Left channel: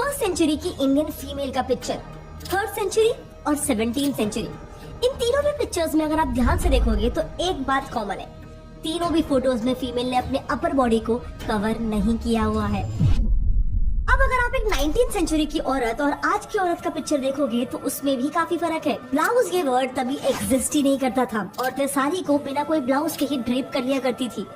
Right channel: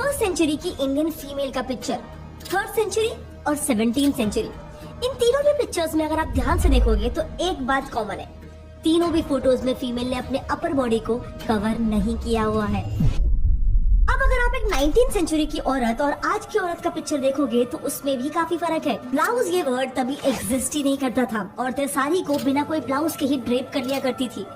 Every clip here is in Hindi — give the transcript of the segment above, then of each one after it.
फर्स्ट सेंचुरी की इंडियन फीमेल का पिक्चर, थर्ड सेंचुरी और 17th सेंचुरी, इन तीनों भी पिक्चर्स में अगर आप ध्यान से देखोगे तो एक बात कॉमन है, तीनों भी फोटोज में फीमेल ने अपने अपर बॉडी को कवर नहीं किया हुआ है। अब अगर आप एक 19th सेंचुरी की औरत और आज की औरत का पिक्चर देखोगे तो उसमें भी काफी फर्क है। ब्लाउज ये वर्ड तभी एग्जिस्ट ही नहीं करता था, औरतें साड़ी को बिना कोई ब्लाउज के ही ड्रेप कर लिया करती थी।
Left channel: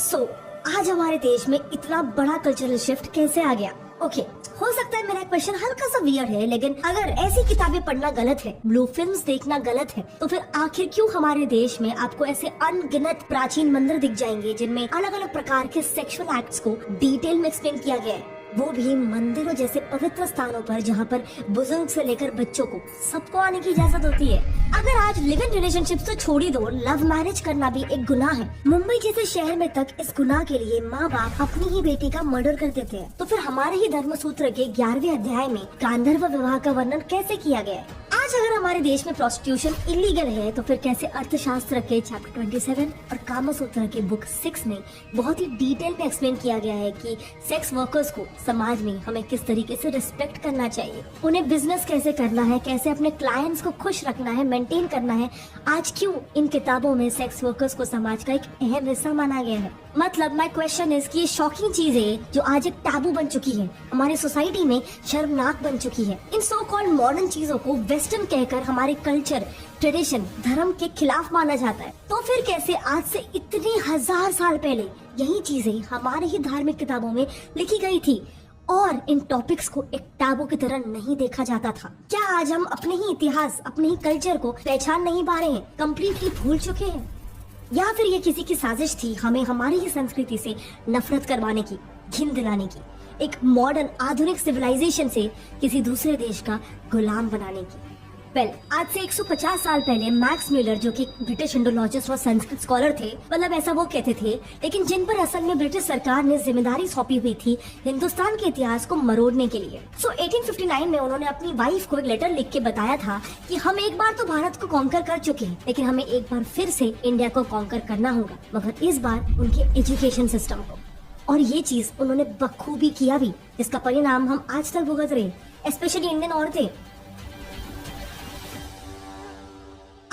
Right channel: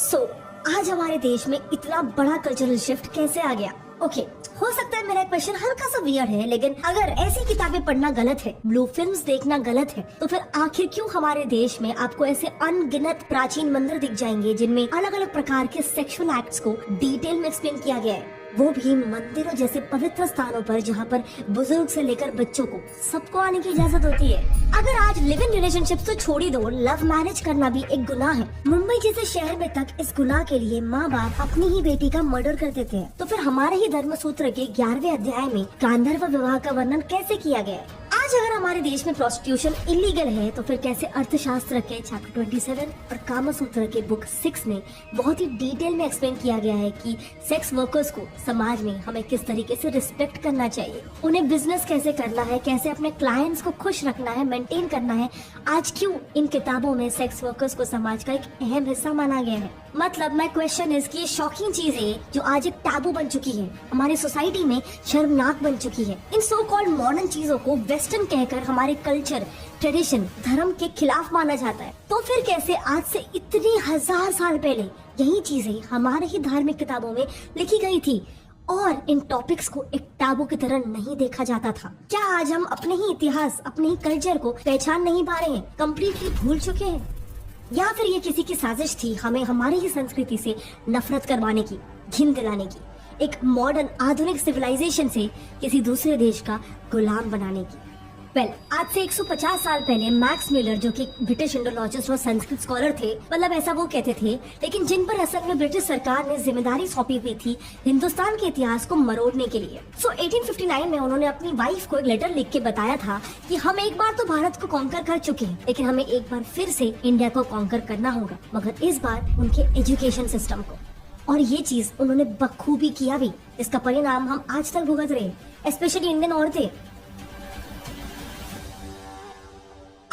सो आज हमारे देश में इतना बड़ा कल्चरल शिफ्ट कैसे आ गया? ओके, हो सकता है मेरा क्वेश्चन हल्का सा वियर्ड है, लेकिन अगर ऐसी किताबें पढ़ना गलत है, ब्लू फिल्म्स देखना गलत है, तो फिर आखिर क्यों हमारे देश में आपको ऐसे अनगिनत प्राचीन मंदिर दिख जाएंगे जिनमें अलग अलग प्रकार के सेक्सुअल एक्ट्स को डिटेल में एक्सप्लेन किया गया है, वो भी मंदिरों जैसे पवित्र स्थानों पर जहाँ पर बुजुर्ग से लेकर बच्चों को सबको आने की इजाजत होती है। अगर आज लिव इन रिलेशनशिप्स तो छोड़ ही दो, लव मैरिज करना भी एक गुनाह है। मुंबई जैसे शहर में तक इस गुनाह के लिए माँ बाप अपनी ही बेटी का मर्डर कर देते हैं, तो फिर हमारे ही धर्म सूत्र के 11वें अध्याय में गांधर्व विवाह का वर्णन कैसे किया गया है? आज अगर हमारे देश में प्रोस्टिट्यूशन इलीगल है तो फिर कैसे अर्थशास्त्र के चैप्टर 27 और कामसूत्र के बुक 6 में बहुत ही डिटेल में एक्सप्लेन किया गया है कि सेक्स वर्कर्स को समाज में हमें किस तरीके से रिस्पेक्ट करना चाहिए, उन्हें बिजनेस कैसे करना है, कैसे अपने क्लाइंट्स को खुश रखना है, मेंटेन करना है। आज क्यों इन किताबों में सेक्स वर्कर्स को समाज का एक अहम हिस्सा माना गया है? मतलब माय क्वेश्चन इज कि शॉकिंग चीजें जो आज एक टाबू बन चुकी है, हमारी सोसाइटी में शर्मनाक बन चुकी है, इन सो कॉल्ड मॉडर्न चीजों को वेस्टर्न कहकर हमारे कल्चर, ट्रेडिशन, धर्म के खिलाफ माना जाता है। तो फिर कैसे आज से इतने हजार साल पहले यही चीजें हमारे ही धार्मिक किताबों में लिखी गई थी और इन टॉपिक्स को एक टाबू की तरह नहीं देखा जाता था? क्या आज हम अपने ही इतिहास, अपने ही कल्चर को पहचान नहीं पा रहे हैं, कम्प्लीटली भूल चुके हैं? या फिर ये किसी की साजिश थी हमें हमारी ही संस्कृति से नफरत करवाने की, घिन दिलाने की, एक मॉडर्न आधुनिक सिविलाइजेशन से किसी दूसरे देश का गुलाम बनाने की? आज से 150 साल पहले मैक्स म्यूलर, जो कि ब्रिटिश इंडोलॉजिस्ट और संस्कृत स्कॉलर थे, मतलब ऐसा वो कहते थे, लेकिन जिन पर असल में ब्रिटिश सरकार ने जिम्मेदारी सौंपी हुई थी हिंदुस्तान के इतिहास को मरोड़ने के लिए। 1859 में उन्होंने अपनी वाइफ को एक लेटर लिख के बताया था कि हम एक बार तो भारत को कॉन्कर कर चुके हैं, लेकिन हमें एक बार फिर से इंडिया को कॉन्कर करना होगा, मगर इस बार उनके एजुकेशन सिस्टम को। और ये चीज उन्होंने बखूबी किया भी, जिसका परिणाम हम आज तक भुगत रहे, स्पेशली इंडियन औरतें।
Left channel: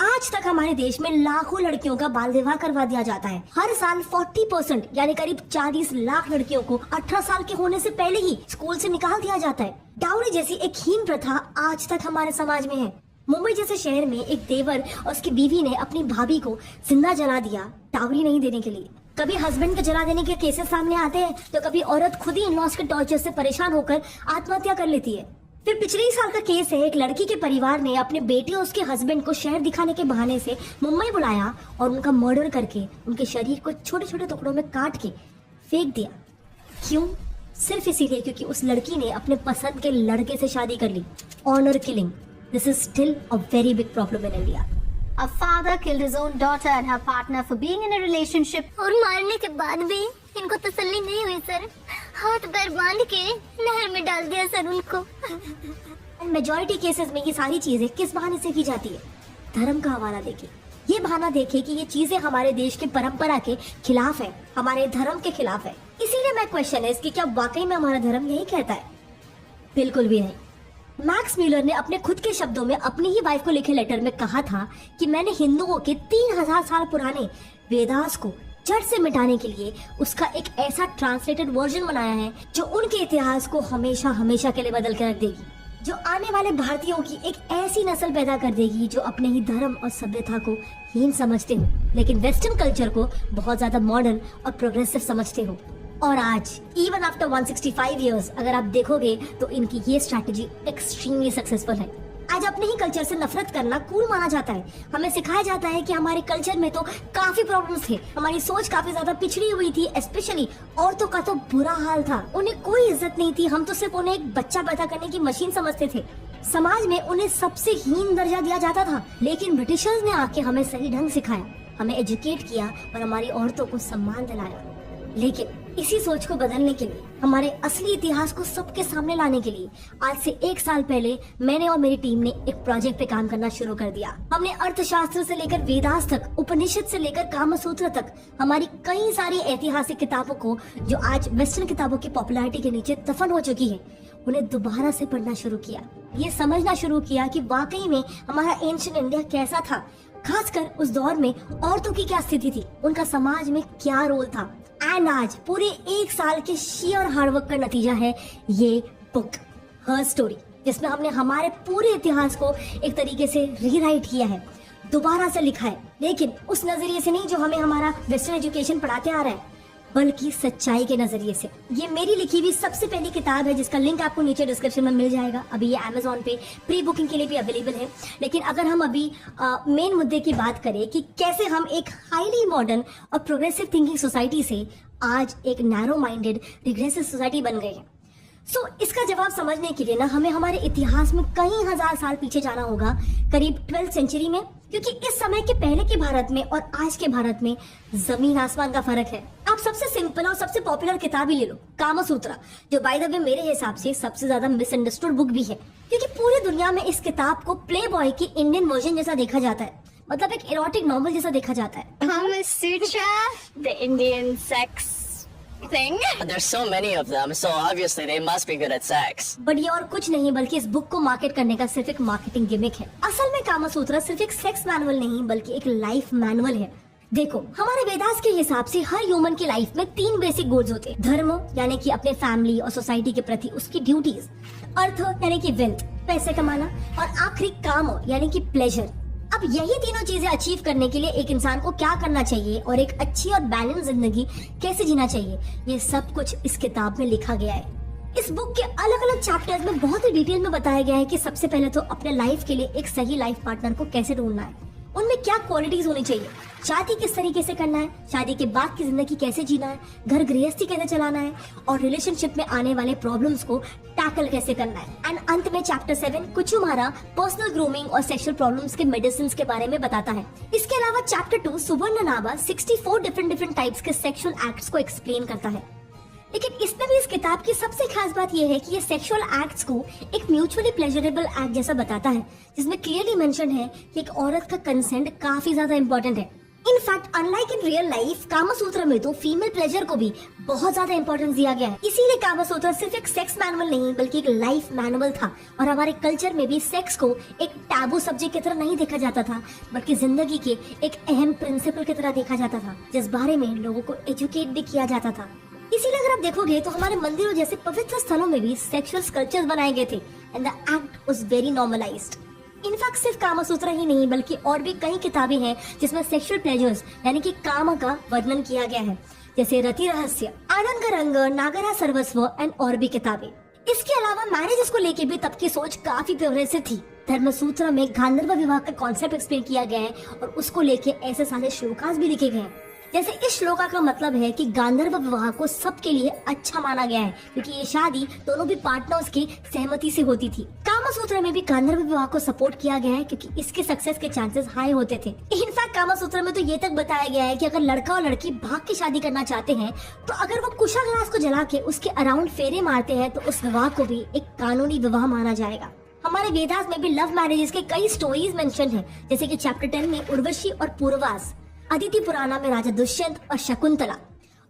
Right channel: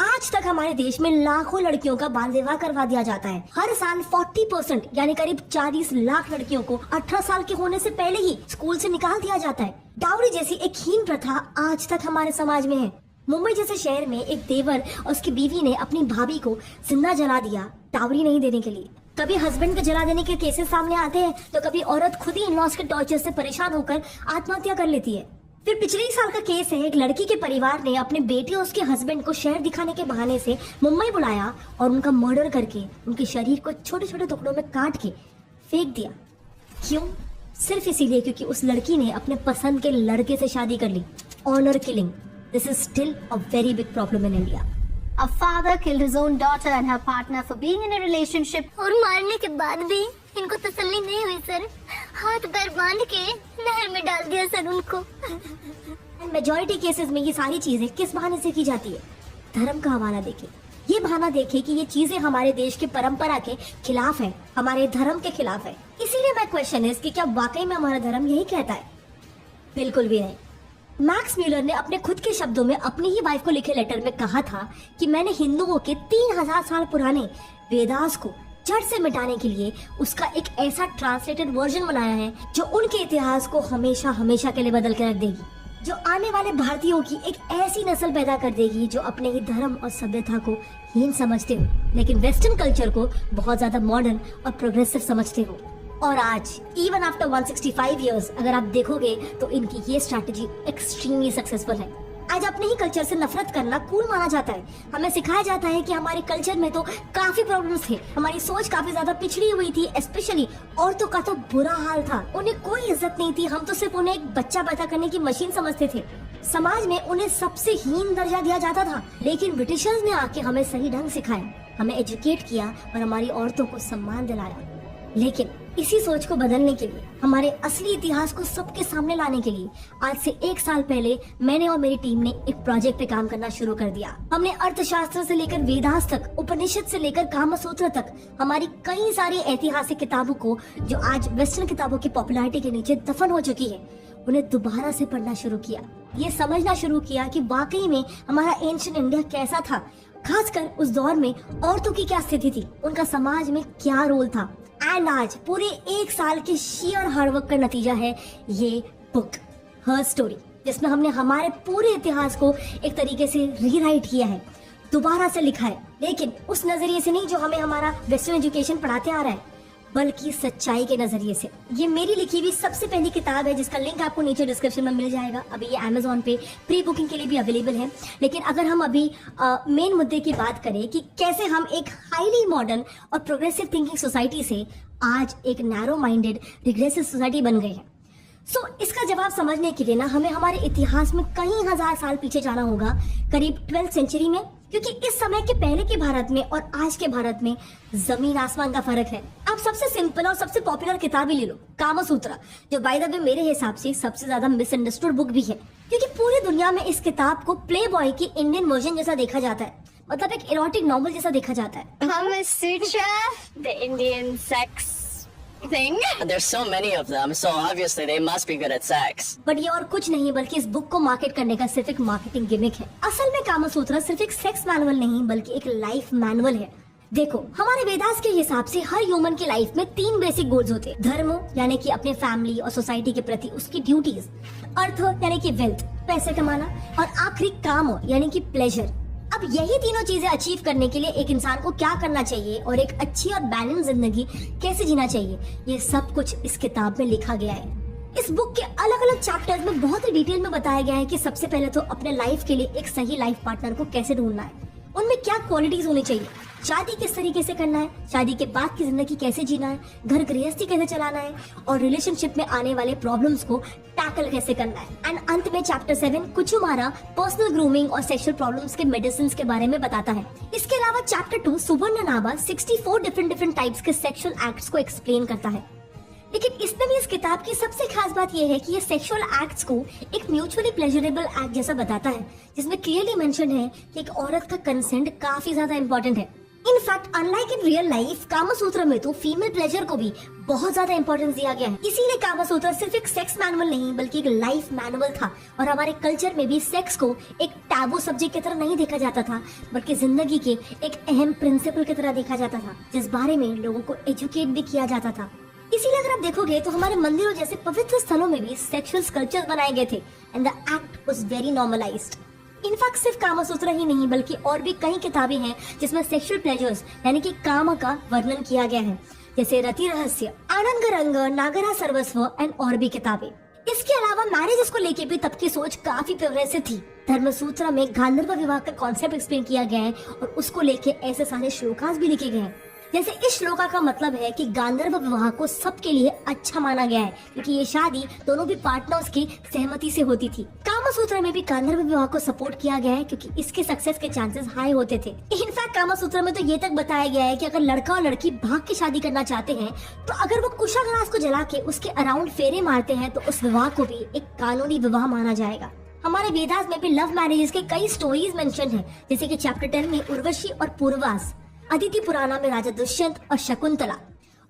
आज तक हमारे देश में लाखों लड़कियों का बाल विवाह करवा दिया जाता है। हर साल 40% यानी करीब 40 लाख लड़कियों को 18 साल के होने से पहले ही स्कूल से निकाल दिया जाता है। डाउरी जैसी एक हीन प्रथा आज तक हमारे समाज में है। मुंबई जैसे शहर में एक देवर और उसकी बीवी ने अपनी भाभी को जिंदा जला दिया डाउरी नहीं देने के लिए। कभी हस्बैंड को जला देने के केसेस सामने आते हैं, तो कभी औरत खुद ही इन-लॉज के टॉर्चर से परेशान होकर आत्महत्या कर लेती है। फिर पिछले ही साल का केस है, एक लड़की के परिवार ने अपने बेटे और उसके हस्बैंड को शहर दिखाने के बहाने से मुंबई बुलाया और उनका मर्डर करके उनके शरीर को छोटे छोटे टुकड़ों में काट के फेंक दिया। क्यों? सिर्फ इसीलिए क्योंकि उस लड़की ने अपने पसंद के लड़के से शादी कर ली। Honour killing, this is still a very big problem in India. A father killed his own daughter and her partner for being in a relationship. और मारने के बाद भी इनको तसल्ली नहीं हुई सर, हाथ पैर बांध के नहर में डाल दिया सर उनको। मेजॉरिटी केसेस में ये सारी चीजें किस बहाने से की जाती है? धर्म का हवाला देके, ये बहाना देखे कि ये चीजें हमारे देश के परंपरा के खिलाफ है, हमारे धर्म के खिलाफ है। इसीलिए मैं क्वेश्चन है कि क्या वाकई में हमारा धर्म यही कहता है? बिल्कुल भी नहीं। मैक्स म्यूलर ने अपने खुद के शब्दों में अपनी ही वाइफ को लिखे लेटर में कहा था कि मैंने हिंदुओं के 3000 साल पुराने वेदास को जड़ से मिटाने के लिए उसका एक ऐसा ट्रांसलेटेड वर्जन बनाया है जो उनके इतिहास को हमेशा हमेशा के लिए बदल के रख देगी, जो आने वाले भारतीयों की एक ऐसी नस्ल पैदा कर देगी जो अपने ही धर्म और सभ्यता को हीन समझते हो, लेकिन वेस्टर्न कल्चर को बहुत ज्यादा मॉडर्न और प्रोग्रेसिव समझते हो। और आज इवन आफ्टर 165 इयर्स अगर आप देखोगे तो इनकी ये स्ट्रैटेजी एक्सट्रीमली सक्सेसफुल है। आज अपने ही कल्चर से नफरत करना कूल माना जाता है। हमें सिखाया जाता है कि हमारे कल्चर में तो काफी प्रॉब्लम्स थे, हमारी सोच काफी ज्यादा पिछड़ी हुई थी, स्पेशली औरतों का तो बुरा हाल था, उन्हें कोई इज्जत नहीं थी, हम तो सिर्फ उन्हें एक बच्चा पैदा करने की मशीन समझते थे। समाज में उन्हें सबसे हीन दर्जा दिया जाता था, लेकिन ब्रिटिशर्स ने आके हमें सही ढंग सिखाया, हमें एजुकेट किया और हमारी औरतों को सम्मान दिलाया। लेकिन इसी सोच को बदलने के लिए, हमारे असली इतिहास को सबके सामने लाने के लिए आज से 1 साल पहले मैंने और मेरी टीम ने एक प्रोजेक्ट पे काम करना शुरू कर दिया। हमने अर्थशास्त्र से लेकर वेदास तक, उपनिषद से लेकर कामसूत्र तक हमारी कई सारी ऐतिहासिक किताबों को, जो आज वेस्टर्न किताबों की पॉपुलैरिटी के नीचे दफन हो चुकी है, उन्हें दोबारा से पढ़ना शुरू किया। ये समझना शुरू किया कि वाकई में हमारा एंशिएंट इंडिया कैसा था, खासकर उस दौर में औरतों की क्या स्थिति थी, उनका समाज में क्या रोल था। एंड आज पूरे 1 साल के शेयर हार्डवर्क का नतीजा है ये बुक हर स्टोरी, जिसमें हमने हमारे पूरे इतिहास को एक तरीके से रीराइट किया है, दोबारा से लिखा है, लेकिन उस नजरिए से नहीं जो हमें हमारा वेस्टर्न एजुकेशन पढ़ाते आ रहा है, बल्कि सच्चाई के नजरिए से। ये मेरी लिखी हुई सबसे पहली किताब है, जिसका लिंक आपको नीचे डिस्क्रिप्शन में मिल जाएगा। अभी ये Amazon पे प्री बुकिंग के लिए भी अवेलेबल है। लेकिन अगर हम अभी मेन मुद्दे की बात करें कि कैसे हम एक हाईली मॉडर्न और प्रोग्रेसिव थिंकिंग सोसाइटी से आज एक नैरो माइंडेड रिग्रेसिव सोसाइटी बन गए हैं, इसका जवाब समझने के लिए ना हमें हमारे इतिहास में कई हजार साल पीछे जाना होगा, करीब 12th सेंचुरी में, क्योंकि इस समय के पहले के भारत में और आज के भारत में जमीन आसमान का फर्क है। आप सबसे सिंपल और सबसे पॉपुलर किताब ही ले लो, कामसूत्रा, जो बाय द वे मेरे हिसाब से सबसे ज्यादा मिसअंडरस्टूड बुक भी है, क्योंकि पूरी दुनिया में इस किताब को प्ले बॉय की इंडियन वर्जन जैसा देखा जाता है, मतलब एक इरोटिक नॉवल जैसा देखा जाता है। Kamasutra, the Indian sex thing. There's so many of them, so obviously they must be good at sex. But ये और कुछ नहीं बल्कि इस बुक को मार्केट करने का सिर्फ एक मार्केटिंग गिमिक है। असल में कामसूत्रा सिर्फ एक सेक्स मैनुअल नहीं बल्कि एक लाइफ मैनुअल है। देखो, हमारे वेदास के हिसाब से हर ह्यूमन की लाइफ में 3 बेसिक गोल्स होते हैं। धर्म यानी कि अपने फैमिली और सोसाइटी के प्रति उसकी ड्यूटीज, अर्थ यानी कि वेल्थ, पैसे कमाना, और आखिरी काम यानी कि प्लेजर। अब यही तीनों चीजें अचीव करने के लिए एक इंसान को क्या करना चाहिए और एक अच्छी और बैलेंस जिंदगी कैसे जीना चाहिए, ये सब कुछ इस किताब में लिखा गया है। इस बुक के अलग अलग चैप्टर्स में बहुत ही डिटेल में बताया गया है कि सबसे पहले तो अपने लाइफ के लिए एक सही लाइफ पार्टनर को कैसे ढूंढना है, उनमें क्या क्वालिटीज होनी चाहिए, शादी किस तरीके से करना है, शादी के बाद की जिंदगी कैसे जीना है, घर गृहस्थी कैसे चलाना है, और रिलेशनशिप में आने वाले प्रॉब्लम्स को टैकल कैसे करना है। एंड अंत में चैप्टर 7 कुछ हमारा पर्सनल ग्रूमिंग और सेक्सुअल प्रॉब्लम्स के मेडिसिन के बारे में बताता है। इसके अलावा चैप्टर 2 सुवर्ण नावा 64 डिफरेंट टाइप्स के सेक्सुअल एक्ट्स को एक्सप्लेन करता है। लेकिन इसमें भी इस किताब की सबसे खास बात यह है कि ये सेक्सुअल एक्ट्स को एक म्यूचुअली प्लेजरेबल एक्ट जैसा बताता है, जिसमें क्लियरली मेंशन है कि एक औरत का कंसेंट काफी ज्यादा इंपॉर्टेंट है। In fact unlike in real life Kamasutra में तो फीमेल प्लेजर को भी बहुत ज्यादा इंपॉर्टेंस दिया गया है। इसीलिए कामसूत्र सिर्फ एक सेक्स मैनुअल नहीं बल्कि एक लाइफ मैनुअल था, और हमारे कल्चर में भी सेक्स को एक टैबू सब्जेक्ट की तरह नहीं देखा जाता था, बल्कि जिंदगी के एक अहम प्रिंसिपल की तरह देखा जाता था, जिस बारे में लोगों को एजुकेट भी किया जाता था। इसीलिए अगर आप देखोगे तो हमारे मंदिरों जैसे पवित्र स्थलों में भी सेक्सुअल स्कल्पचर्स बनाए गए थे and the act was very normalised. In fact सिर्फ कामसूत्र ही नहीं बल्कि और भी कई किताबें हैं जिसमें सेक्सुअल प्लेजर्स यानी कि काम का वर्णन किया गया है, जैसे रति रहस्य, आनंद का रंग, नागरा सर्वस्व एंड और भी किताबें। इसके अलावा मैरिजेस को लेके भी तब की सोच काफी प्रोग्रेसिव थी। धर्मसूत्र में गांधर्व विवाह का कॉन्सेप्ट एक्सप्लेन किया गया है और उसको लेके ऐसे सारे श्लोकास भी लिखे गए हैं। जैसे इस श्लोका का मतलब है कि गांधर्व विवाह को सबके लिए अच्छा माना गया है, क्योंकि ये शादी दोनों भी पार्टनर्स की सहमति से होती थी। कामसूत्र में भी गांधर्व विवाह को सपोर्ट किया गया है क्योंकि इसके सक्सेस के चांसेस हाई होते थे। इनफैक्ट कामसूत्र में तो ये तक बताया गया है कि अगर लड़का और लड़की भाग की शादी करना चाहते हैं तो अगर वो कुशाग्रास को जला के उसके अराउंड फेरे मारते हैं तो उस विवाह को भी एक कानूनी विवाह माना जाएगा। हमारे वेदास में भी लव मैरिजेस के कई स्टोरीज मेंशन हैं, जैसे कि चैप्टर 10 में उर्वशी और पूर्वास, अदिति पुराना में राजा दुष्यंत और शकुंतला,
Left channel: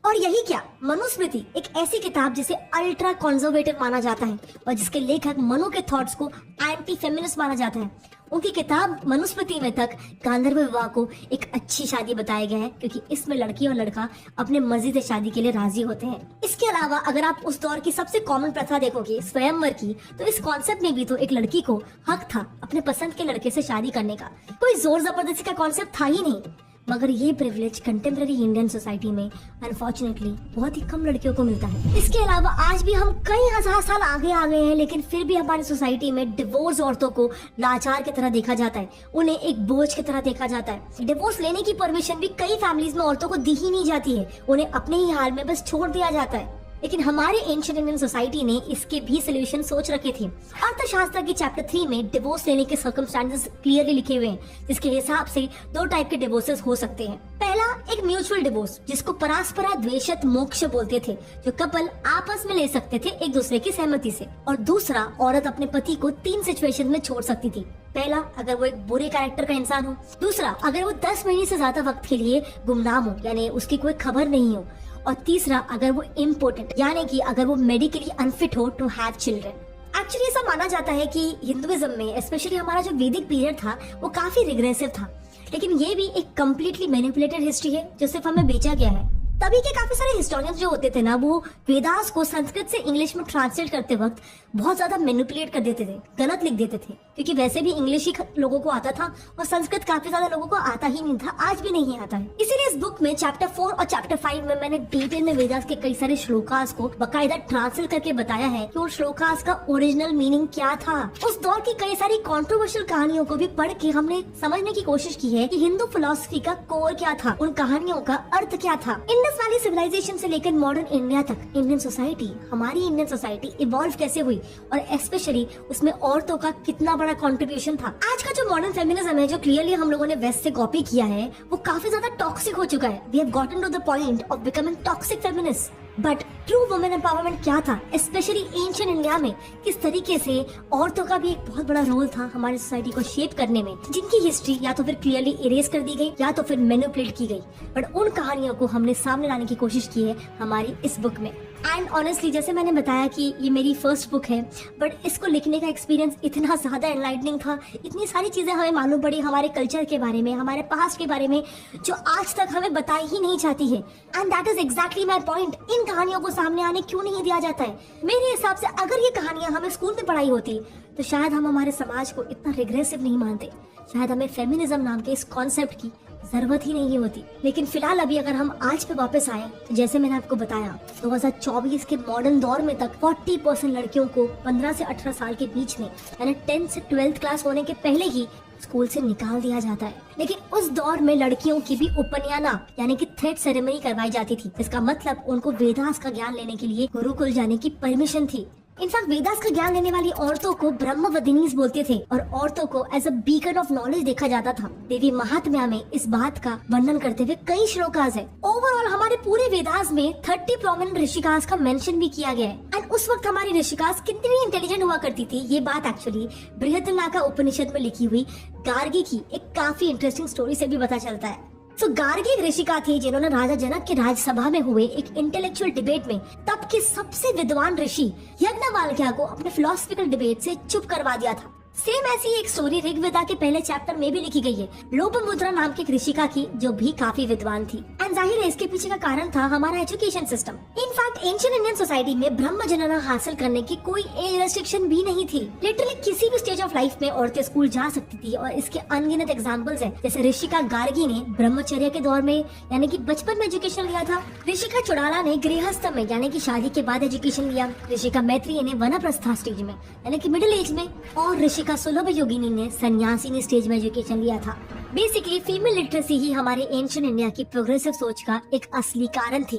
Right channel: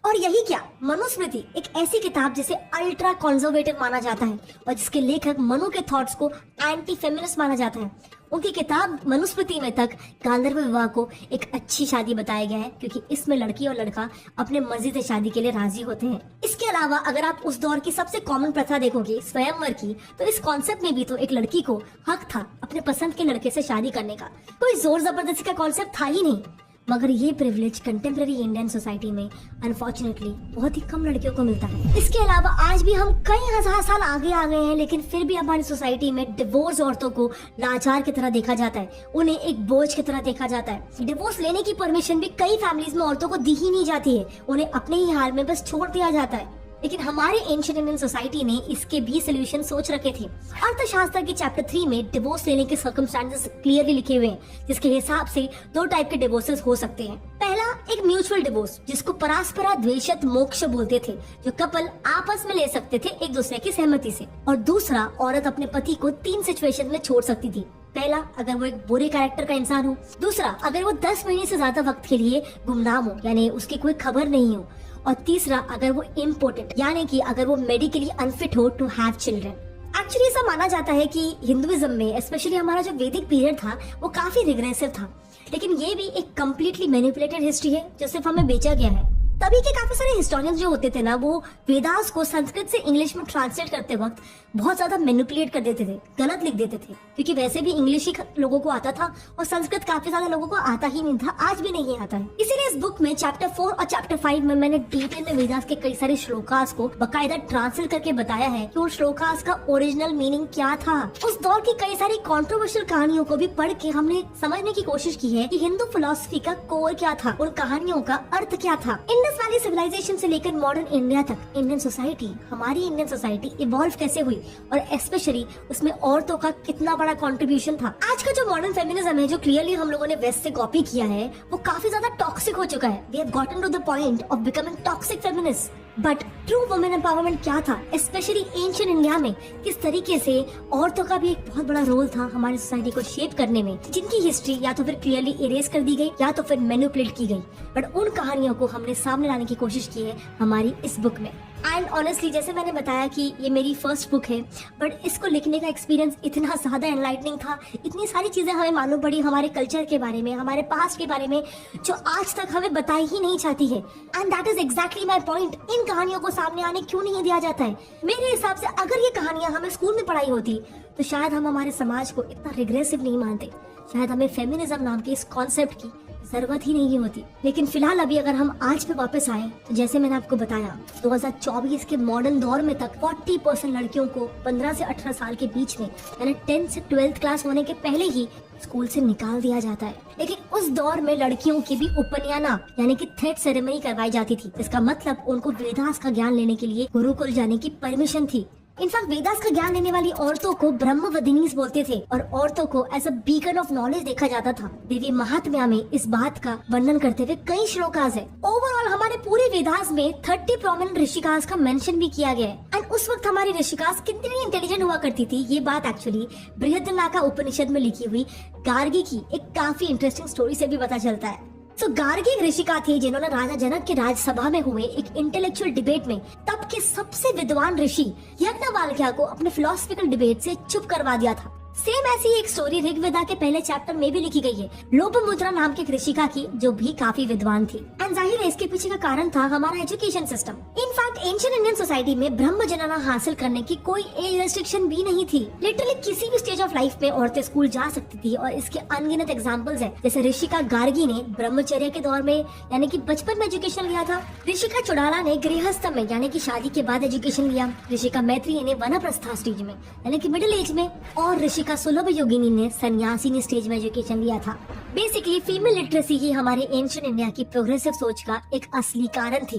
और यही क्या मनुस्मृति एक ऐसी किताब जिसे अल्ट्रा कंजर्वेटिव माना जाता है और जिसके लेखक मनु के थॉट्स को एंटी फेमिनिस्ट माना जाता है। उनकी किताब मनुस्मृति में तक गांधर्व विवाह को एक अच्छी शादी बताया गया है, क्योंकि इसमें लड़की और लड़का अपने मर्जी से शादी के लिए राजी होते हैं। इसके अलावा अगर आप उस दौर की सबसे कॉमन प्रथा देखोगे स्वयंवर की, तो इस कॉन्सेप्ट में भी तो एक लड़की को हक था अपने पसंद के लड़के से शादी करने का। कोई जोर जबरदस्ती का कॉन्सेप्ट था ही नहीं, मगर ये प्रिविलेज कंटेम्प्रेरी इंडियन सोसाइटी में अनफॉर्चुनेटली बहुत ही कम लड़कियों को मिलता है। इसके अलावा आज भी हम कई हजार साल आगे आ गए हैं, लेकिन फिर भी हमारी सोसाइटी में डिवोर्स औरतों को लाचार की तरह देखा जाता है, उन्हें एक बोझ की तरह देखा जाता है। डिवोर्स लेने की परमिशन भी कई फैमिलीज में औरतों को दी ही नहीं जाती है, उन्हें अपने ही हाल में बस छोड़ दिया जाता है। लेकिन हमारे एंशिएंट इंडियन सोसाइटी ने इसके भी सोल्यूशन सोच रखे थे। अर्थशास्त्र के चैप्टर 3 में डिवोर्स लेने के सर्कमस्टेंसेस क्लियरली लिखे हुए हैं, जिसके हिसाब से 2 टाइप के डिवोर्सेस हो सकते हैं। पहला एक म्यूचुअल डिवोर्स, जिसको परास्परा द्वेषत मोक्ष बोलते थे, जो कपल आपस में ले सकते थे एक दूसरे की सहमति से। और दूसरा, औरत अपने पति को 3 सिचुएशन में छोड़ सकती थी। पहला, अगर वो एक बुरे कैरेक्टर का इंसान हो। दूसरा, अगर वो 10 महीने से ज्यादा वक्त के लिए गुमनाम हो, यानी उसकी कोई खबर नहीं हो। और तीसरा अगर वो इम्पोर्टेंट यानी कि अगर वो मेडिकली अनफिट हो टू हैव चिल्ड्रन। एक्चुअली ऐसा माना जाता है कि हिंदुइज्म में स्पेशली हमारा जो वैदिक पीरियड था वो काफी रिग्रेसिव था, लेकिन ये भी एक कम्प्लीटली मैनिपुलेटेड हिस्ट्री है जो सिर्फ हमें बेचा गया है। तभी के काफी सारे हिस्टोरियंस जो होते थे ना, वो वेदास को संस्कृत से इंग्लिश में ट्रांसलेट करते वक्त बहुत ज्यादा मैनिपुलेट कर देते थे, गलत लिख देते थे, क्योंकि वैसे भी इंग्लिश ही लोगों को आता था और संस्कृत काफी ज्यादा लोगों को आता ही नहीं था, आज भी नहीं आता है। इसीलिए इस बुक में चैप्टर 4 और चैप्टर 5 में मैंने डिटेल में वेदास के कई सारे श्लोकास को बाकायदा ट्रांसलेट करके बताया है कि उन श्लोकास का ओरिजिनल मीनिंग क्या था। उस दौर की कई सारी कॉन्ट्रोवर्शियल कहानियों को भी पढ़ के हमने समझने की कोशिश की है कि हिंदू फिलॉसफी का कोर क्या था, उन कहानियों का अर्थ क्या था। इंडस वैली सिविलाइजेशन से लेकर मॉडर्न इंडिया तक इंडियन सोसाइटी, हमारी इंडियन सोसाइटी इवॉल्व कैसे हुई और स्पेशली उसमें औरतों का कितना बड़ा कंट्रीब्यूशन था। आज का जो मॉडर्न फेमिनिज्म है जो क्लियरली हम लोगों ने वेस्ट से कॉपी किया है, वो काफी ज्यादा टॉक्सिक हो चुका है। We have gotten to the point of becoming toxic feminist. But true women empowerment क्या था, स्पेशली एंशिएंट इंडिया में किस तरीके से औरतों का भी एक बहुत बड़ा रोल था हमारी सोसाइटी को शेप करने में, जिनकी हिस्ट्री या तो फिर क्लियरली इरेज कर दी गई या तो फिर मैनिपुलेट की गई। बट उन कहानियों को हमने सामने लाने की कोशिश की है हमारी इस बुक में। एंड ऑनेस्टली जैसे मैंने बताया कि ये मेरी फर्स्ट बुक है, बट इसको लिखने का एक्सपीरियंस इतना ज्यादा एनलाइटनिंग था, इतनी सारी चीजें हमें मालूम पड़ी हमारे कल्चर के बारे में, हमारे पास्ट के बारे में, जो आज तक हमें बताई ही नहीं जाती है। And that is exactly my point. इन कहानियों को सामने आने क्यों नहीं दिया जाता है? मेरे हिसाब से अगर ये कहानियां हमें स्कूल में पढ़ाई होती तो शायद हम हमारे समाज को इतना रिग्रेसिव नहीं मानते, शायद हमें फेमिनिज्म नाम के इस कॉन्सेप्ट की जरूरत ही नहीं होती। लेकिन फिलहाल अभी अगर हम आज पे वापस आए तो जैसे मैंने आपको बताया 2024 के मॉडर्न दौर में तक 40% लड़कियों को 15 से 18 साल के बीच में यानी 10th से 12th क्लास होने के पहले ही स्कूल से निकाल दिया जाता है। लेकिन उस दौर में लड़कियों की भी उपनयना यानी कि थ्रेड सेरेमनी करवाई जाती थी, जिसका मतलब उनको वेदास का ज्ञान लेने के लिए गुरुकुल जाने की परमिशन थी। इनफैक्ट वेदास का ज्ञान लेने वाली औरतों को ब्रह्मवदिनीज बोलते थे और औरतों को as a beacon of knowledge देखा जाता था। देवी महात्म्या में इस बात का वर्णन करते हुए कई श्लोकास है। ओवरऑल हमारे पूरे वेदास में 30 प्रोमिनेंट ऋषिकास का मेंशन भी किया गया है। एंड उस वक्त हमारी ऋषिकास कितनी इंटेलिजेंट हुआ करती थी, ये बात एक्चुअली बृहदारण्यक उपनिषद में लिखी हुई गार्गी की एक काफी इंटरेस्टिंग स्टोरी से भी पता चलता है। गार्गी एक ऋषिका थे जिन्होंने राजा जनक के राजसभा में हुए एक इंटेलेक्चुअल डिबेट में तब के सबसे विद्वान ऋषि यज्ञवल्क्य को अपने फिलोसफिकल डिबेट से चुप करवा दिया था। सेम ऐसी एक स्टोरी ऋग्वेदा के पहले चैप्टर में भी लिखी गई है, लोपमुद्रा नाम की एक ऋषिका की जो भी काफी विद्वान थी। एंड जाहिर है इसके पीछे का कारण था हमारा education system. In fact ancient Indian society में ब्रह्म जनना हासिल करने की कोई एज रेस्ट्रिक्शन भी नहीं थी। लिटरली किसी भी स्टेज ऑफ लाइफ में औरतें स्कूल जा सकती थी और इसके अनगिनत एग्जाम्पल्स हैं। जैसे ऋषिका गार्गी ने ब्रह्मचर्य के दौर में यानी कि बचपन में एजुकेशन लिया था, ऋषिका चुड़ाला ने गृहस्थ में यानी कि शादी के बाद एजुकेशन लिया, ऋषिका मैत्री ने वनप्रस्था स्टेज में यानी कि मिडिल एज में, और ऋषिका सुलभ योगिनी ने सन्यासिनी स्टेज में एजुकेशन लिया था। बेसिकली फीमेल लिटरेसी ही हमारे एंशिएंट इंडिया की प्रोग्रेसिव सोच का एक असली कारण थी।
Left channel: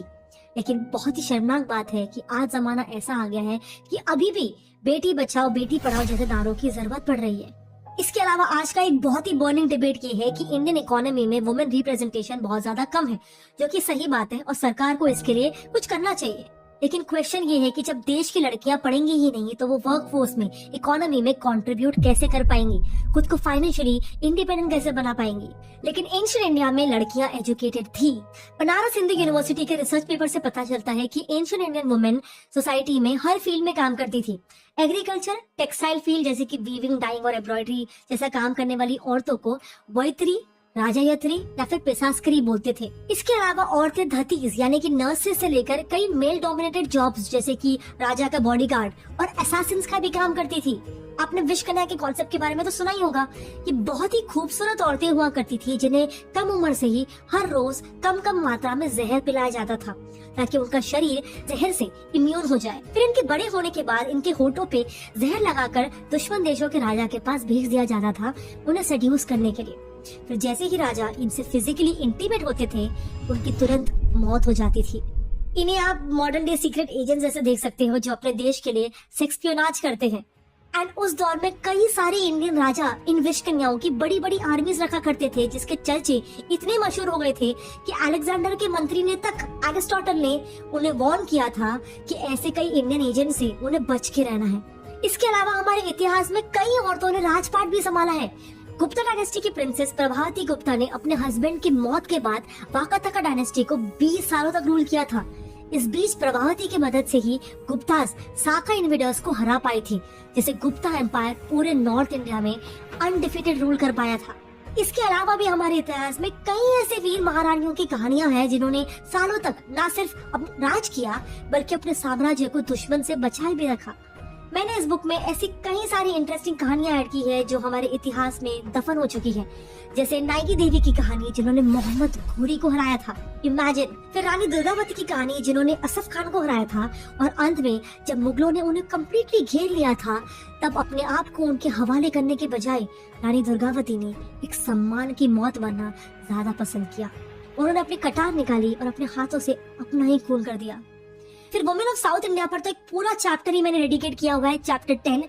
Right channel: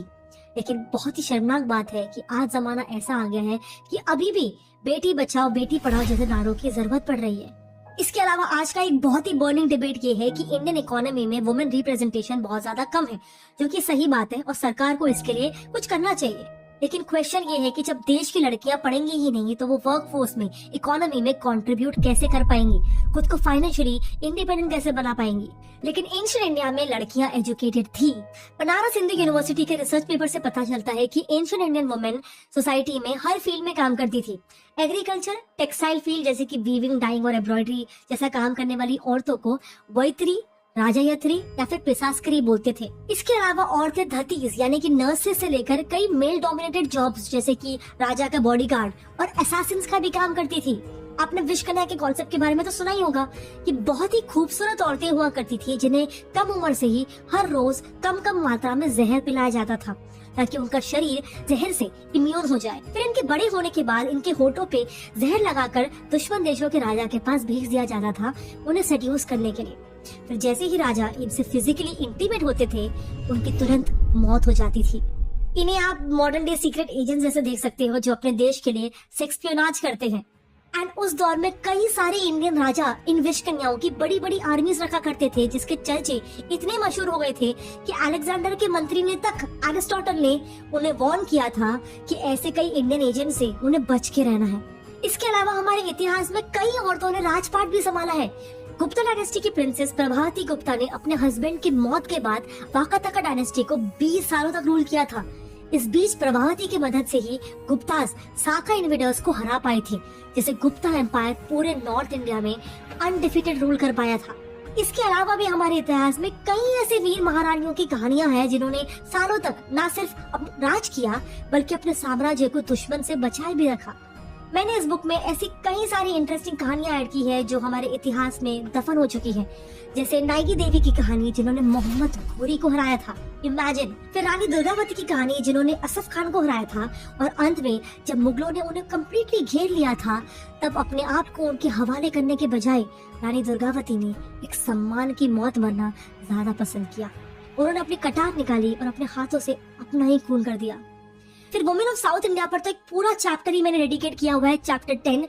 लेकिन बहुत ही शर्मनाक बात है कि आज जमाना ऐसा आ गया है कि अभी भी बेटी बचाओ बेटी पढ़ाओ जैसे नारों की जरूरत पड़ रही है। इसके अलावा आज का एक बहुत ही बर्निंग डिबेट ये है कि इंडियन इकोनॉमी में वुमेन रिप्रेजेंटेशन बहुत ज्यादा कम है, जो कि सही बात है और सरकार को इसके लिए कुछ करना चाहिए। लेकिन क्वेश्चन ये है कि जब देश की लड़कियां पढ़ेंगी ही नहीं तो वो वर्कफोर्स में, इकोनॉमी में कंट्रीब्यूट कैसे कर पाएंगी, खुद को फाइनेंशियली इंडिपेंडेंट कैसे बना पाएंगी। लेकिन एंशिएंट इंडिया में लड़कियां एजुकेटेड थी। बनारस हिंदू यूनिवर्सिटी के रिसर्च पेपर से पता चलता है कि एंशिएंट इंडियन वुमेन सोसाइटी में हर फील्ड में काम करती थी। एग्रीकल्चर, टेक्सटाइल फील्ड जैसे कि वीविंग, डाइंग और एम्ब्रॉयडरी जैसा काम करने वाली औरतों को वैतरी, राजायत्री या फिर पेशास्करी बोलते थे। इसके अलावा औरतें धतीज यानी कि नर्सेस से लेकर कई मेल डोमिनेटेड जॉब्स जैसे कि राजा का बॉडीगार्ड और असैसिन्स का भी काम करती थी। आपने विश कन्या के कॉन्सेप्ट के बारे में तो सुना ही होगा कि बहुत ही खूबसूरत औरतें हुआ करती थी जिन्हें कम उम्र से ही हर रोज कम कम मात्रा में जहर पिलाया जाता था ताकि उनका शरीर जहर से इम्यून हो जाए। फिर इनके बड़े होने के बाद इनके होठों पे जहर लगाकर दुश्मन देशों के राजा के पास भेज दिया जाता था उन्हें सेड्यूस करने के लिए। फिर जैसे ही राजा इनसे फिजिकली इंटीमेट होते थे उनकी तुरंत मौत हो जाती थी। इन्हें आप मॉडर्न डे सीक्रेट एजेंट जैसे देख सकते हो जो अपने देश के लिए सेक्स स्पियोनाज करते हैं। एंड उस दौर में कई सारे इंडियन राजा इन विश कन्याओं की बड़ी बड़ी आर्मीज रखा करते थे जिसके चर्चे इतने मशहूर हो गए थे कि अलेक्जेंडर के मंत्री ने तक एरिस्टोटल ने उन्हें वार्न किया था कि ऐसे कई इंडियन एजेंट से उन्हें बच के रहना है। इसके अलावा हमारे इतिहास में कई औरतों ने राजपाट भी संभाला है। गुप्ता डायनेस्टी की प्रिंसेस प्रभावती गुप्ता ने अपने हस्बैंड की मौत के बाद वाकाटका डायनेस्टी को 20 सालों तक रूल किया था। इस बीच प्रभावती की मदद से ही गुप्तास साका इन्वेडर्स को हरा पाई थी, जिसे गुप्ता एम्पायर पूरे नॉर्थ इंडिया में अनडिफिटेड रूल कर पाया था। इसके अलावा भी हमारे इतिहास में कई ऐसे वीर महारानियों की कहानियां हैं जिन्होंने सालों तक न सिर्फ राज किया बल्कि अपने साम्राज्य को दुश्मन से बचाए भी रखा। मैंने इस बुक में ऐसी कई सारी इंटरेस्टिंग कहानियां ऐड की है जो हमारे इतिहास में दफन हो चुकी है, जैसे नायकी देवी की कहानी जिन्होंने मोहम्मद घोरी को हराया था, इमेजिन। फिर रानी दुर्गावती की कहानी जिन्होंने असफ खान को हराया था, और अंत में जब मुगलों ने उन्हें कम्प्लीटली घेर लिया था तब अपने आप को उनके हवाले करने के बजाय रानी दुर्गावती ने एक सम्मान की मौत मरना ज्यादा पसंद किया। उन्होंने अपनी कटार निकाली और अपने हाथों से अपना ही खून कर दिया। फिर वुमेन ऑफ साउथ इंडिया पर तो एक पूरा चैप्टर ही मैंने डेडिकेट किया हुआ है, चैप्टर 10,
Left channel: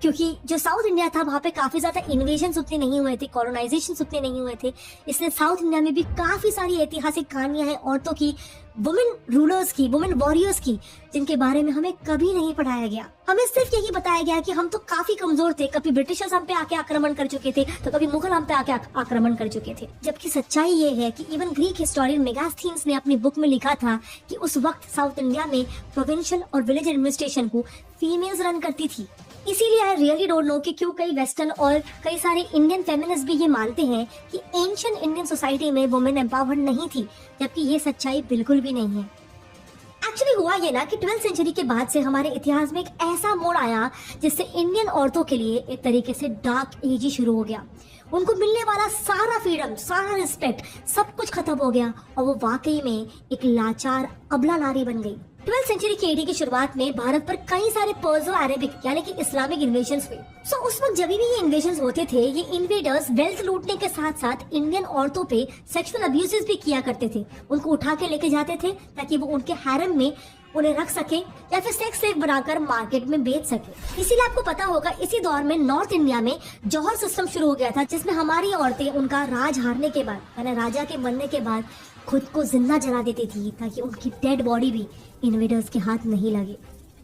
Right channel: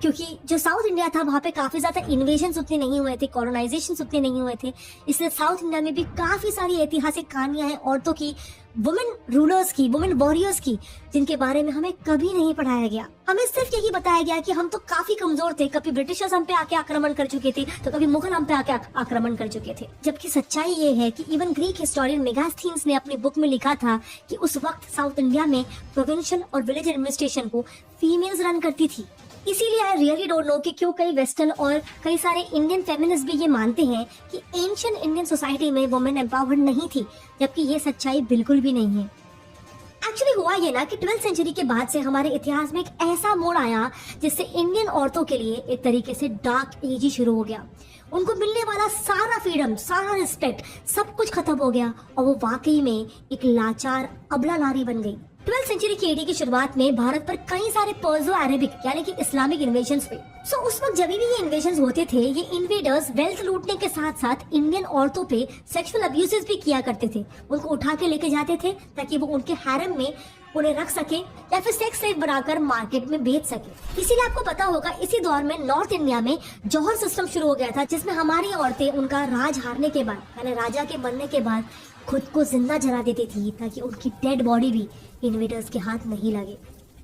क्योंकि जो साउथ इंडिया था वहाँ पे काफी ज्यादा इन्वेजन उतने नहीं हुए थे, कॉलोनाइजेशन उतने नहीं हुए थे, इसलिए साउथ इंडिया में भी काफी सारी ऐतिहासिक कहानियां हैं औरतों की, वुमेन रूलर्स की, वुमेन वॉरियर्स की, जिनके बारे में हमें कभी नहीं पढ़ाया गया। हमें सिर्फ यही बताया गया कि हम तो काफी कमजोर थे, कभी ब्रिटिशर्स हम पे आके आक्रमण कर चुके थे तो कभी मुगल हम पे आके आक्रमण कर चुके थे। जबकि सच्चाई ये है कि इवन ग्रीक हिस्टोरियन मेगास्थीन्स ने अपनी बुक में लिखा था कि उस वक्त साउथ इंडिया में प्रोविंशियल और विलेज एडमिनिस्ट्रेशन को फीमेल्स रन करती थी। इसीलिए आई रियली डोंट नो कि क्यों कई वेस्टर्न और कई सारे इंडियन फेमिनिस्ट भी ये मानते हैं कि एंशिएंट इंडियन सोसाइटी में वुमेन एम्पावर्ड नहीं थी, जबकि ये सच्चाई बिल्कुल भी नहीं है। एक्चुअली हुआ ये ना कि 12th सेंचुरी के बाद से हमारे इतिहास में एक ऐसा मोड़ आया जिससे इंडियन औरतों के लिए एक तरीके से डार्क एज ही शुरू हो गया। उनको मिलने वाला सारा फ्रीडम, सारा रिस्पेक्ट, सब कुछ खत्म हो गया और वो वाकई में एक लाचार अबला नारी बन गई। 12th सेंचुरी की एडी की शुरुआत में भारत पर कई सारे पर्सो अरेबिक यानी कि इस्लामिक इन्वेजन्स हुए। सो उस वक्त जब भी ये इन्वेजन्स होते थे, ये इन्वेडर्स वेल्थ लूटने के साथ साथ इंडियन औरतों पे सेक्सुअल अब्यूजेस भी किया करते थे। उनको उठा के लेके जाते थे ताकि वो उनके हैरम में उन्हें रख सके या फिर सेक्स स्लेव बनाकर मार्केट में बेच सके। इसीलिए आपको पता होगा इसी दौर में नॉर्थ इंडिया में जौहर सिस्टम शुरू हो गया था, जिसमें हमारी औरतें उनका राज हारने के बाद यानी राजा के बनने के बाद खुद को जिंदा जला देती थी ताकि उनकी डेड बॉडी भी इन्वेडर्स के हाथ नहीं लगे।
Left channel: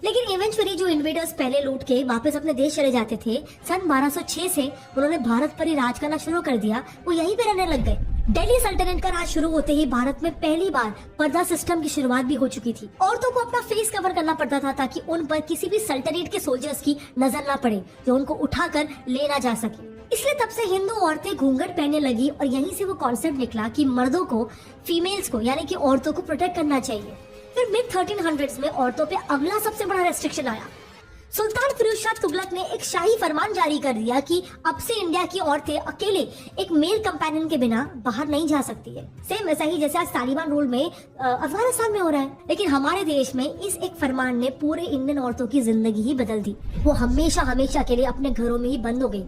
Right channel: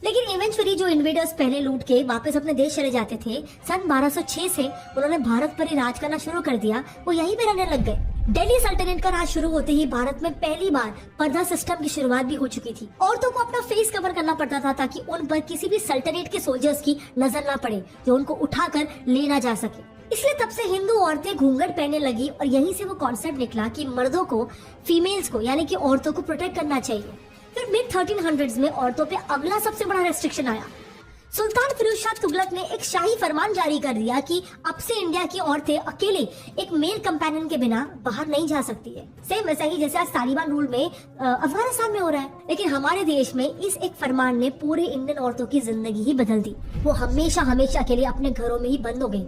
लेकिन इवेंचुअली जो इन्वेडर्स पहले लूट के वापस अपने देश चले जाते थे, सन 1206 से उन्होंने भारत पर ही राज करना शुरू कर दिया। वो यहीं पे रहने लग गए। दिल्ली सल्तनत का राज शुरू होते ही भारत में पहली बार पर्दा सिस्टम की शुरुआत भी हो चुकी थी। औरतों को अपना फेस कवर करना पड़ता था ताकि उन पर किसी भी सल्तनत के सोल्जर्स की नजर ना पड़े जो उनको उठाकर ले ना जा सके। इसलिए तब से हिंदू औरतें घूंघट पहनने लगी और यहीं से वो कॉन्सेप्ट निकला कि मर्दों को, फीमेल्स को यानी कि औरतों को प्रोटेक्ट करना चाहिए। फिर मिड 1300s में औरतों पे अगला सबसे बड़ा रेस्ट्रिक्शन आया। सुल्तान फिरोज शाह तुगलक ने एक शाही फरमान जारी कर दिया कि अब से इंडिया की औरतें अकेले एक मेल कंपेनियन के बिना बाहर नहीं जा सकती है। सेम वैसा ही जैसे आज तालिबान रूल में अफगानिस्तान में हो रहा है। लेकिन हमारे देश में इस एक फरमान ने पूरे इंडियन औरतों की जिंदगी ही बदल दी। वो हमेशा हमेशा के लिए अपने घरों में ही बंद हो गई।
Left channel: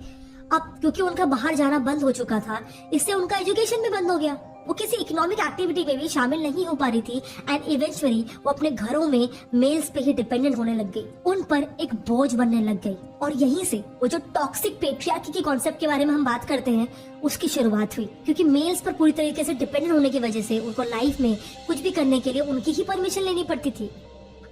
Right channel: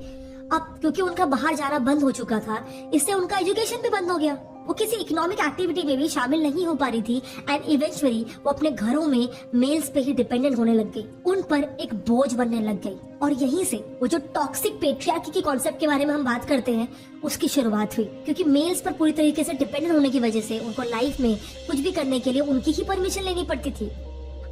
अब क्योंकि उनका बाहर जाना बंद हो चुका था, इससे उनका एजुकेशन भी बंद हो गया। वो किसी इकोनॉमिक एक्टिविटी में भी शामिल नहीं हो पा रही थी एंड इवेंचुअली वो अपने घरों में मेल्स पे ही डिपेंडेंट होने लग गई, उन पर एक बोझ बनने लग गई। और यहीं से वो जो टॉक्सिक पेट्रियार्की के कॉन्सेप्ट के बारे में हम बात करते हैं उसकी शुरुआत हुई, क्योंकि मेल्स पर पूरी तरीके से डिपेंडेंट होने की वजह से उनको लाइफ में कुछ भी करने के लिए उनकी ही परमिशन लेनी पड़ती थी।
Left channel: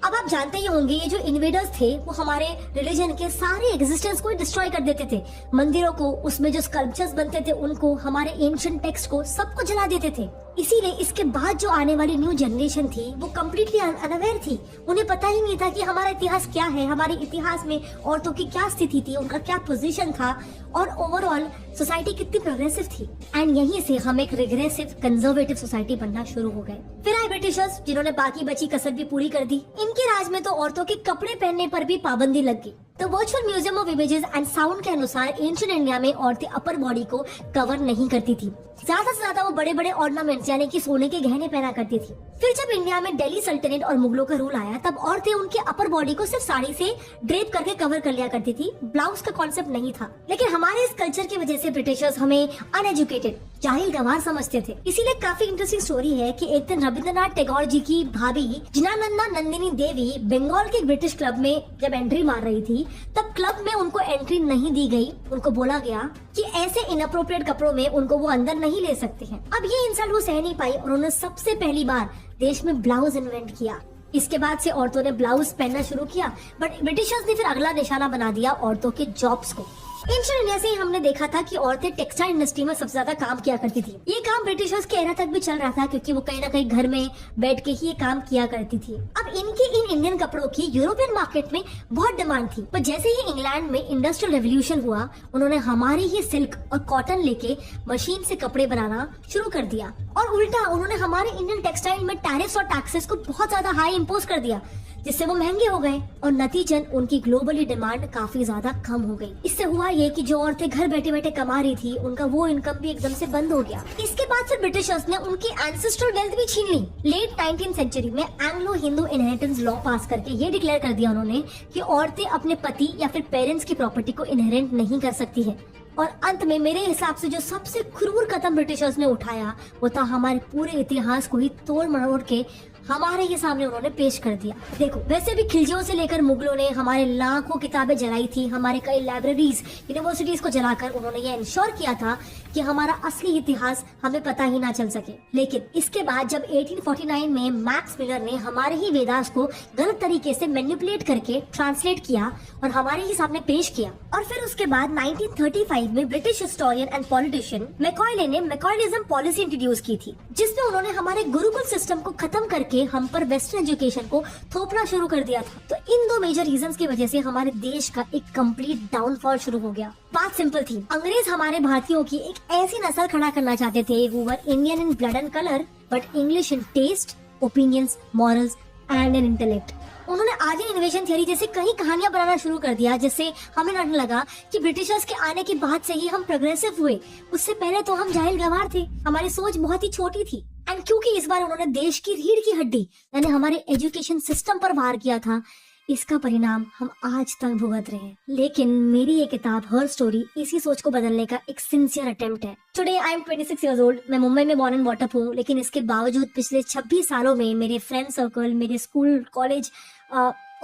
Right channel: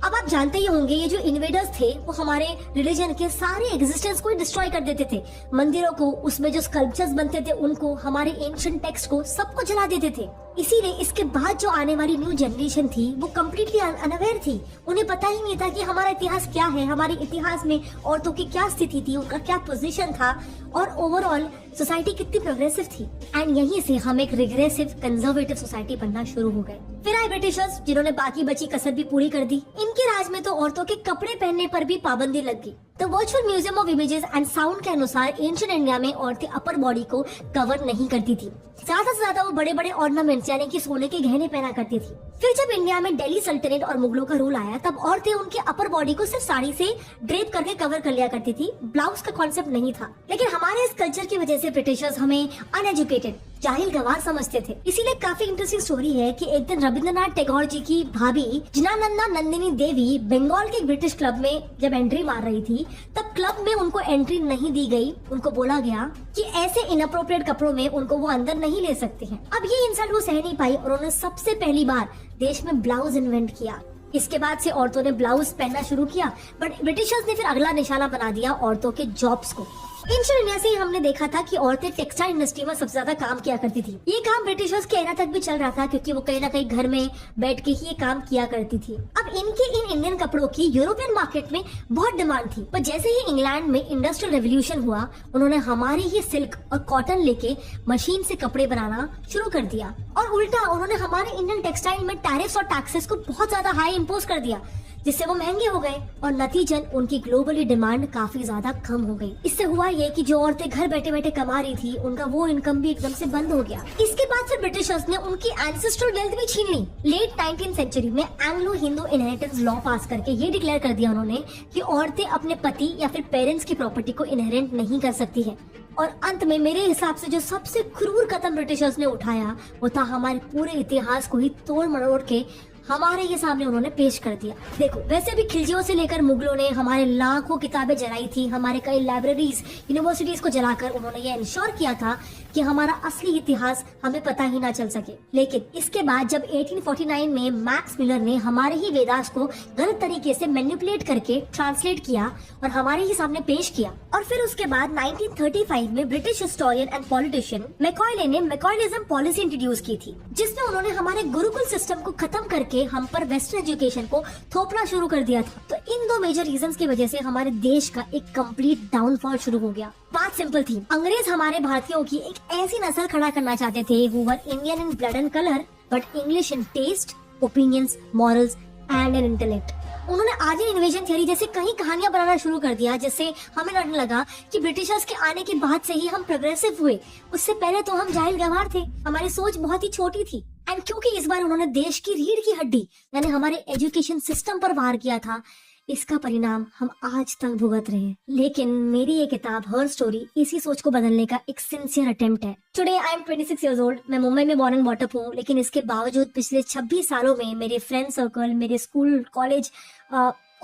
अब आप जानते ही होंगे ये जो इन्वेडर्स थे वो हमारे रिलीजन के सारे एग्जिस्टेंस को डिस्ट्रॉय कर देते थे। मंदिरों को, उसमें जो स्कल्पचर्स बनते थे उनको, हमारे एंशिएंट टेक्स्ट को, सबको जला देते थे। इसीलिए इसके बाद जो आने वाली न्यू जनरेशन थी वो कम्प्लीटली अनअवेयर थी। उन्हें पता ही नहीं था कि हमारा इतिहास क्या है, हमारे इतिहास में औरतों की क्या स्थिति थी, उनका क्या पोजीशन था और ओवरऑल सोसाइटी कितनी प्रोग्रेसिव थी। एंड यहीं से हम एक रिग्रेसिव कंजर्वेटिव सोसाइटी बनना शुरू हो गए। फिर आए ब्रिटिशर्स जिन्होंने बाकी बची कसर भी पूरी कर दी। इनके राज में तो औरतों के कपड़े पहनने पर भी पाबंदी लग गई। The virtual museum of images and sound के अनुसार एंशिएंट इंडिया में औरतें अपर बॉडी को कवर नहीं करती थी। ज्यादा से ज्यादा वो बड़े बड़े ऑर्नामेंट्स यानी कि सोने के गहने पहना करती थी। फिर जब इंडिया में दिल्ली सल्तनत और मुगलों का रूल आया तब औरतें उनके अपर बॉडी को सिर्फ साड़ी से ड्रेप करके कवर कर लिया करती थी। ब्लाउज का कॉन्सेप्ट नहीं था। लेकिन हमारे इस कल्चर की वजह से ब्रिटिशर्स हमें अनएजुकेटेड, जाहिल गवार समझते थे। इसीलिए काफी इंटरेस्टिंग स्टोरी है कि एक दिन रविंद्रनाथ टैगोर जी की भाभी जिनानंदा नंदिनी देवी बंगाल के ब्रिटिश क्लब में जब एंट्री मार रही थी तब क्लब में उनको एंट्री नहीं दी गई। उनको बोला गया कि ऐसे इनअप्रोप्रिएट कपड़ों में उनको वो अंदर नहीं ले सकते हैं। अब ये इंसल्ट वो सह नहीं पाई और उन्होंने सबसे पहली बार देश में ब्लाउज इन्वेंट किया। इसके बाद से औरतों ने ब्लाउज पहनना शुरू किया, बट ब्रिटिशर्स ने फिर अगला निशाना बना दिया औरतों के जॉब्स को। एंशिएंट इंडिया से ही हमने देखा था कि औरतें टेक्सटाइल इंडस्ट्री में सबसे ज्यादा काम किया करती थी। ये काम ब्रिटिशर्स के एरा तक भी चल रहा था, क्योंकि वो कहीं ना कहीं घर में बैठ के ही ये काम किया करती थी। अब इनके इन इंडियन कपड़ों की यूरोपियन मार्केट में बहुत डिमांड थी, पर जैसे ही इंग्लैंड में इंडस्ट्रियल रेवोल्यूशन हुआ, उन्होंने हमारी ही सिल्क और कॉटन लेके मशीन से कपड़े बनाना शुरू कर दिया, और उल्टा उन्होंने हमारे इंडियन टेक्सटाइल में टैरिफ्स और टैक्सेस को बहुत ज्यादा हाई इम्पोज कर दिया, जिससे वो महंगे हो गए और नतीजन उनकी ग्लोबली डिमांड काफी ज्यादा कम हो गई। इससे हुआ ये कि जो औरतें घर बैठे बैठे कमा रही थी, उनका वो इनकम भी एकदम से बंद हो गया। इसके बाद फिर ब्रिटिशर्स ने उनकी एंसेस्ट्रल वेल्थ भी छीन ली। लेट 19th सेंचुरी में एंग्लो हिंदू इनहेरिटेंस लॉ पास करके ये डिक्लेयर कर दिया उन्होंने कि औरतें अपने पति या फिर पेरेंट्स की प्रॉपर्टी को इनहेरिट नहीं कर सकती है। और अंत में मेरे हिसाब से जो सबसे क्रूर कदम ब्रिटिशर्स ने उठाया, वो था हमारे पूरे इतिहास को ही तोड़ मरोड़ के हमारे ये सामने उन्होंने पेश कर दिया। देखो, वैसे भी खिलजियों से लेकर मुगलों ने हमारे लाखों किताबें जलाई थी, हमारे कई लाइब्रेरीज, यूनिवर्सिटीज को जलाकर उन्होंने ये इंश्योर किया था कि हमारा असली इतिहास हमें पता ही ना चल सके। लेकिन इसके बाद जब 1849 में मैक्स मिलर ने हमारे ही वेदास को गलत तरीके से मैनिपुलेट करके ट्रांसलेट किया और हमारे ही सामने पेश किया, और फिर उसके बाद 1935 में ब्रिटिश हिस्टोरियन एंड पॉलिटिशियन मैकॉयले ने मैकॉयलिज्म पॉलिसी इंट्रोड्यूस की थी, जिसमें उन्होंने हमारे गुरुकुल सिस्टम को खत्म करके हम पर वेस्टर्न एजुकेशन को थोपना शुरू कर दिया था। तो इन दो मेजर रीजंस की वजह से हमारे देश का एक कंप्लीट डाउनफॉल शुरू हो गया। बात सिंपल थी, अंग्रेज हमारे भारतीयों की एक ऐसी नस्ल खड़ा करना चाहते थे who were Indian in blood and colour but English in taste, opinions, morals and an intellect. उन्होंने आर्यन इन्वेजन थ्योरी जैसे कई कहानियां बनाना शुरू कर दिया, जिससे हमें लगने लगा कि ब्रिटिशर्स के आने के बाद से ही हम प्रोग्रेसिव हुए। उससे पहले तो हम जाहिल गवार थे, हमारी सोच बहुत ही छोटी थी। एंड क्योंकि इस बार उन्होंने देश की रीढ़ की हड्डी यानी हमारे एजुकेशन सिस्टम पर वार किया था, इसका परिणाम हम आज तक भुगत रहे हैं। लेकिन मेरी ये किताब हर स्टोरी इसी सोच को बदलने का एक सिंसियर अटेम्प्ट है। Today I am 26 years old। मैं मुंबई में बॉर्न एंड बॉट अप हूँ, लेकिन इसके बावजूद पिछले 26 सालों में मेरे फ्रेंड सर्कल, मेरे स्कूल, कॉलेज,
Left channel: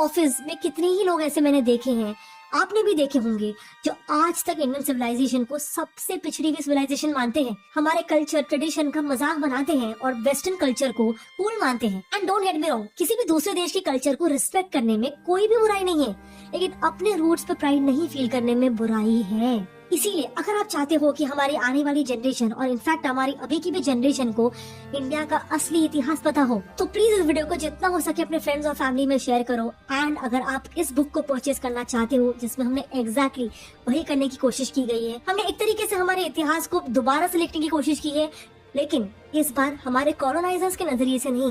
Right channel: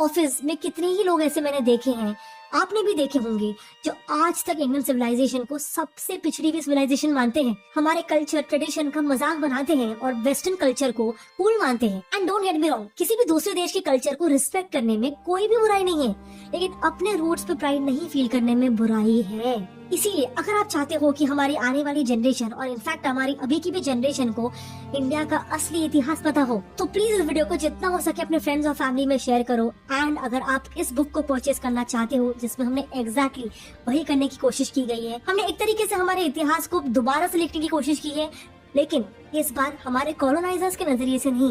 ऑफिस में कितने ही लोग ऐसे मैंने देखे हैं, आपने भी देखे होंगे, जो आज तक इंडियन सिविलाइजेशन को सबसे पिछड़ी हुई सिविलाइजेशन मानते हैं, हमारे कल्चर ट्रेडिशन का मजाक बनाते हैं और वेस्टर्न कल्चर को कूल मानते हैं। And don't get me wrong, किसी भी दूसरे देश के कल्चर को रिस्पेक्ट करने में कोई भी बुराई नहीं है, लेकिन अपने रूट्स पर प्राइड नहीं फील करने में बुराई है। इसीलिए अगर आप चाहते हो कि हमारी आने वाली जनरेशन और इनफैक्ट हमारी अभी की भी जनरेशन को इंडिया का असली इतिहास पता हो, तो प्लीज इस वीडियो को जितना हो सके अपने फ्रेंड्स और फैमिली में शेयर करो। एंड अगर आप इस बुक को परचेज करना चाहते हो, जिसमें हमने एग्जैक्टली वही करने की कोशिश की गई है, हमने एक तरीके से हमारे इतिहास को दोबारा से लिखने की कोशिश की है, लेकिन इस बार हमारे कॉलोनाइजर्स के नजरिए से नहीं,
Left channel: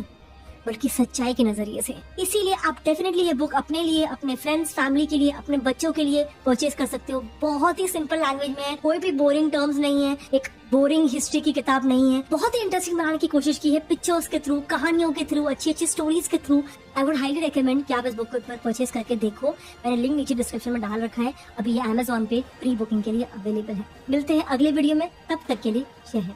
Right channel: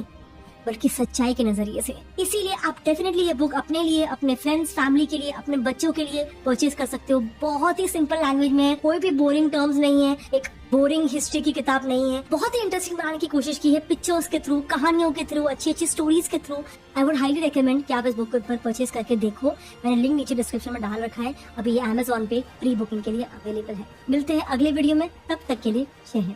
बल्कि सच्चाई के नजरिए से। इसीलिए आप डेफिनेटली ये बुक अपने लिए, अपने फ्रेंड्स, फैमिली के लिए, अपने बच्चों के लिए परचेज कर सकते हो। बहुत ही सिंपल लैंग्वेज में है, कोई भी बोरिंग टर्म्स नहीं है, एक बोरिंग हिस्ट्री की किताब नहीं है, बहुत ही इंटरेस्टिंग बनाने की कोशिश की है पिक्चर्स के थ्रू, कहानियों के थ्रू, अच्छी अच्छी स्टोरीज के through. I would highly recommend कि आप इस बुक को एक बार परचेज करके देखो। मैंने लिंक नीचे डिस्क्रिप्शन में डाल रखा है, अभी ये Amazon पे प्री बुकिंग के लिए अवेलेबल है। मिलते हैं अगले वीडियो में, तब तक के लिए जय हिंद।